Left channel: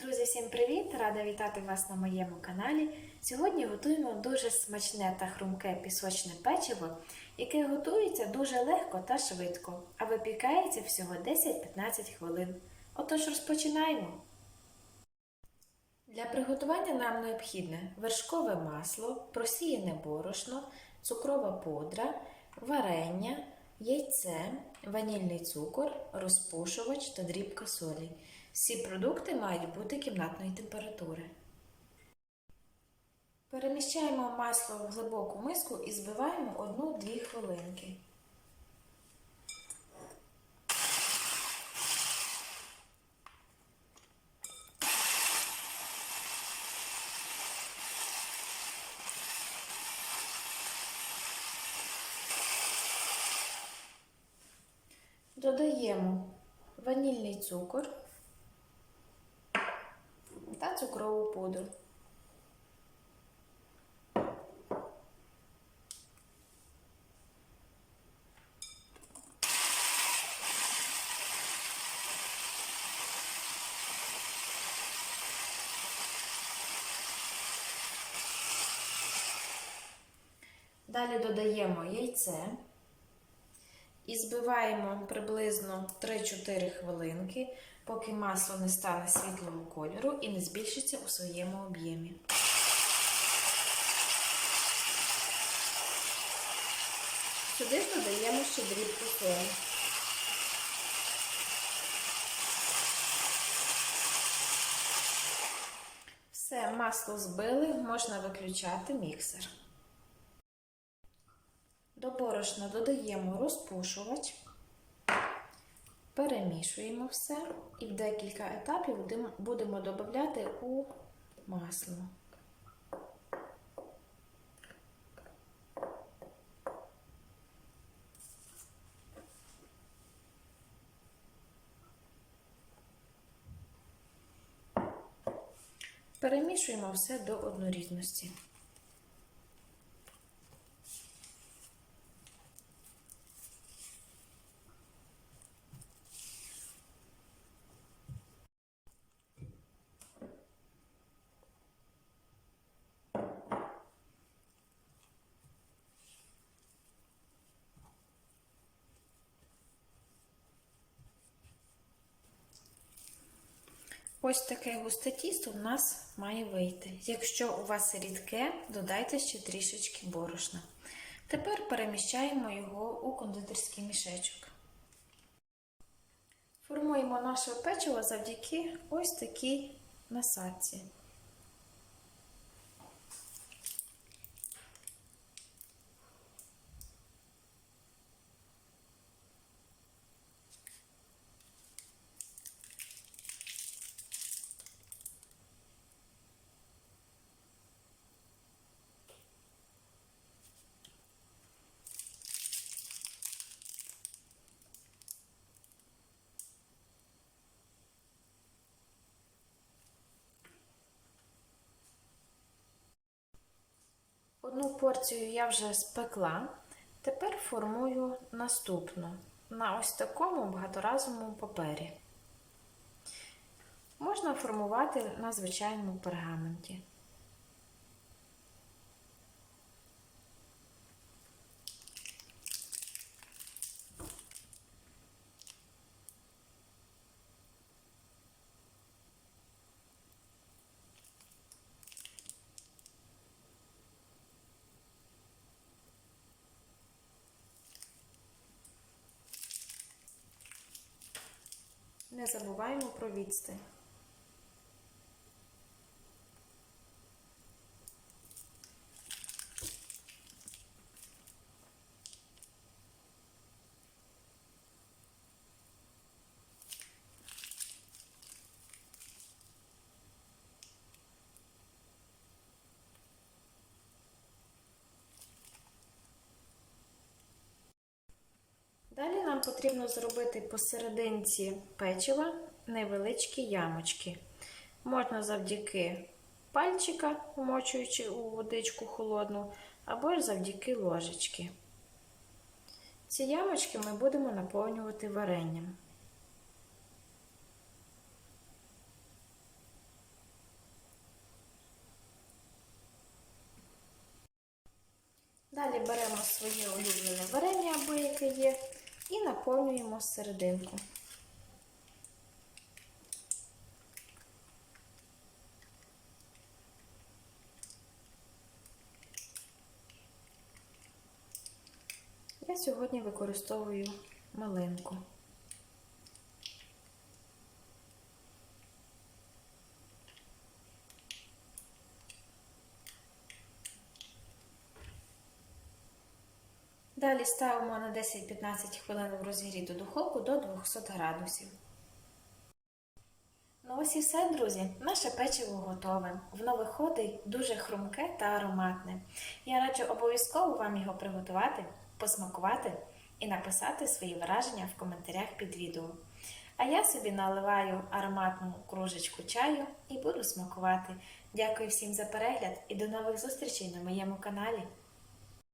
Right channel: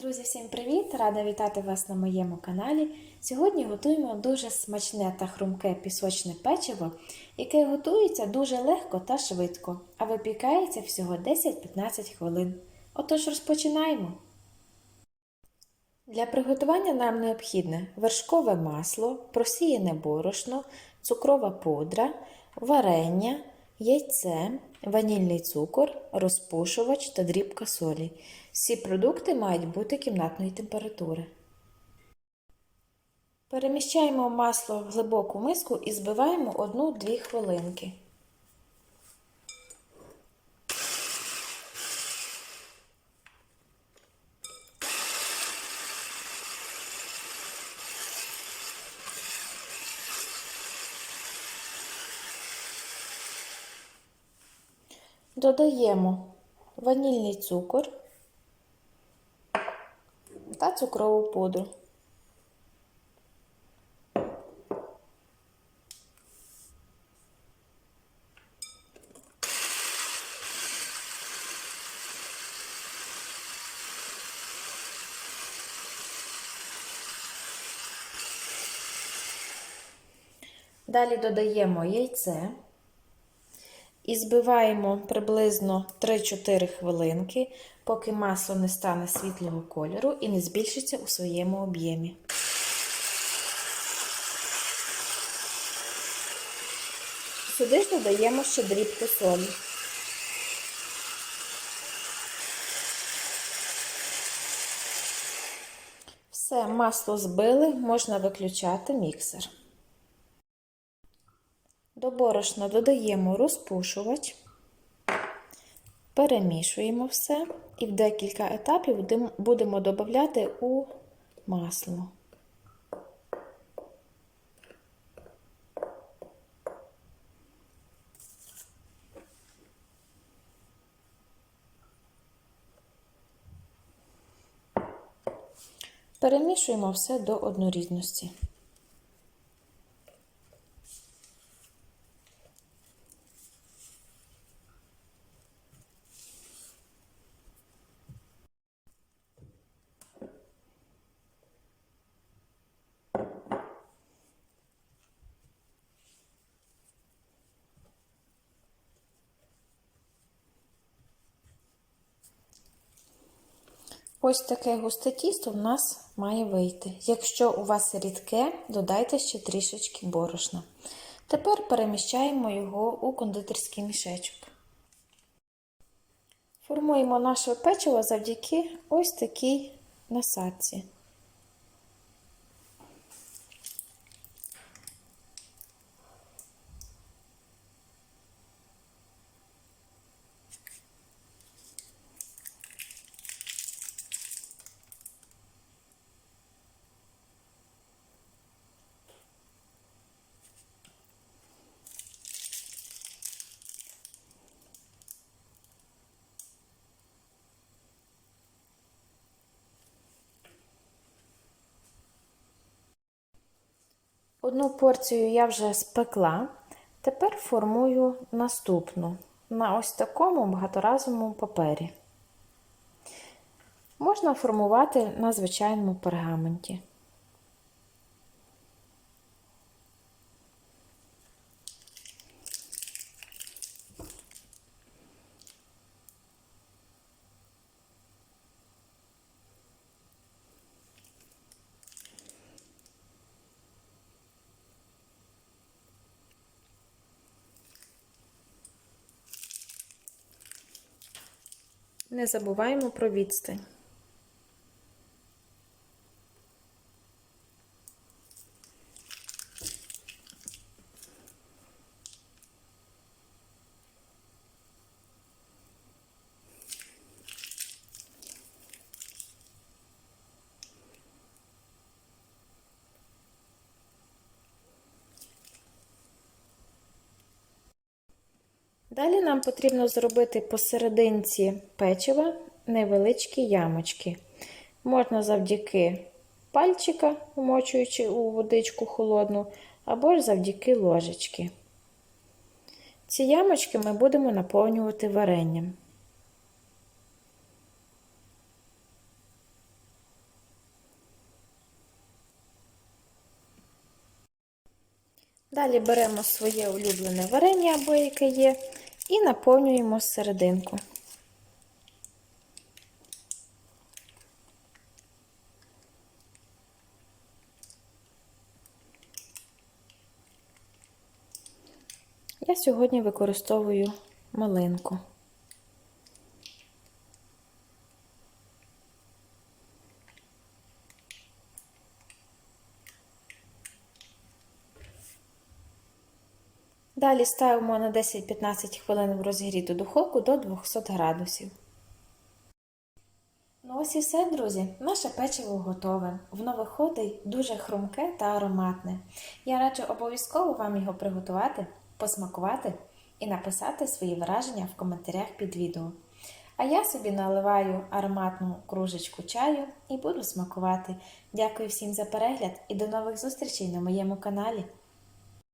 Друзі, всім привіт! Рада вітати вас на моєму каналі. Сьогодні готуємо дуже смачне та хрумке пісочне печиво, яке готується дуже легко та швидко, а випікається всього 10-15 хвилин. Отож розпочинаємо. Для приготування нам необхідне вершкове масло, просіяне борошно, цукрова пудра, варення, яйце, ванільний цукор, розпушувач та дрібка солі. Всі продукти мають бути кімнатної температури. Переміщаємо масло в глибоку миску і збиваємо 1-2 хвилинки. Додаємо ванільний цукор та цукрову пудру. Далі додаємо яйце і збиваємо приблизно 3-4 хвилинки, поки масло не стане світлого кольору і не збільшиться у своєму об'ємі. Сюди ж додаємо ще дрібку солі. Все, масло збили, можна виключати міксер. До борошна додаємо розпушувач, перемішуємо все і в декілька етапів будемо додати у масло. Перемішуємо все до однорідності. Ось таке густе тісто в нас має вийти. Якщо у вас рідке, додайте ще трішечки борошна. Тепер переміщаємо його у кондитерський мішечок. Формуємо наше печиво завдяки ось такій насадці. Одну порцію я вже спекла, тепер формую наступну на ось такому багаторазовому папері. Можна формувати на звичайному пергаменті. Не забуваємо про відстань. Далі нам потрібно зробити посерединці печива невеличкі ямочки. Можна завдяки пальчика, вмочуючи у водичку холодну, або ж завдяки ложечки. Ці ямочки ми будемо наповнювати варенням. Далі беремо своє улюблене варення, або яке є, і наповнюємо серединку. Я сьогодні використовую малинку. Далі ставимо на 10-15 хвилин в розігріту духовку до 200 градусів. Ну ось і все, друзі. Наше печиво готове. Воно виходить дуже хрумке та ароматне. Я раджу обов'язково вам його приготувати, посмакувати і написати свої враження в коментарях під відео. А я собі наливаю ароматну кружечку чаю і буду смакувати. Дякую всім за перегляд і до нових зустрічей на моєму каналі.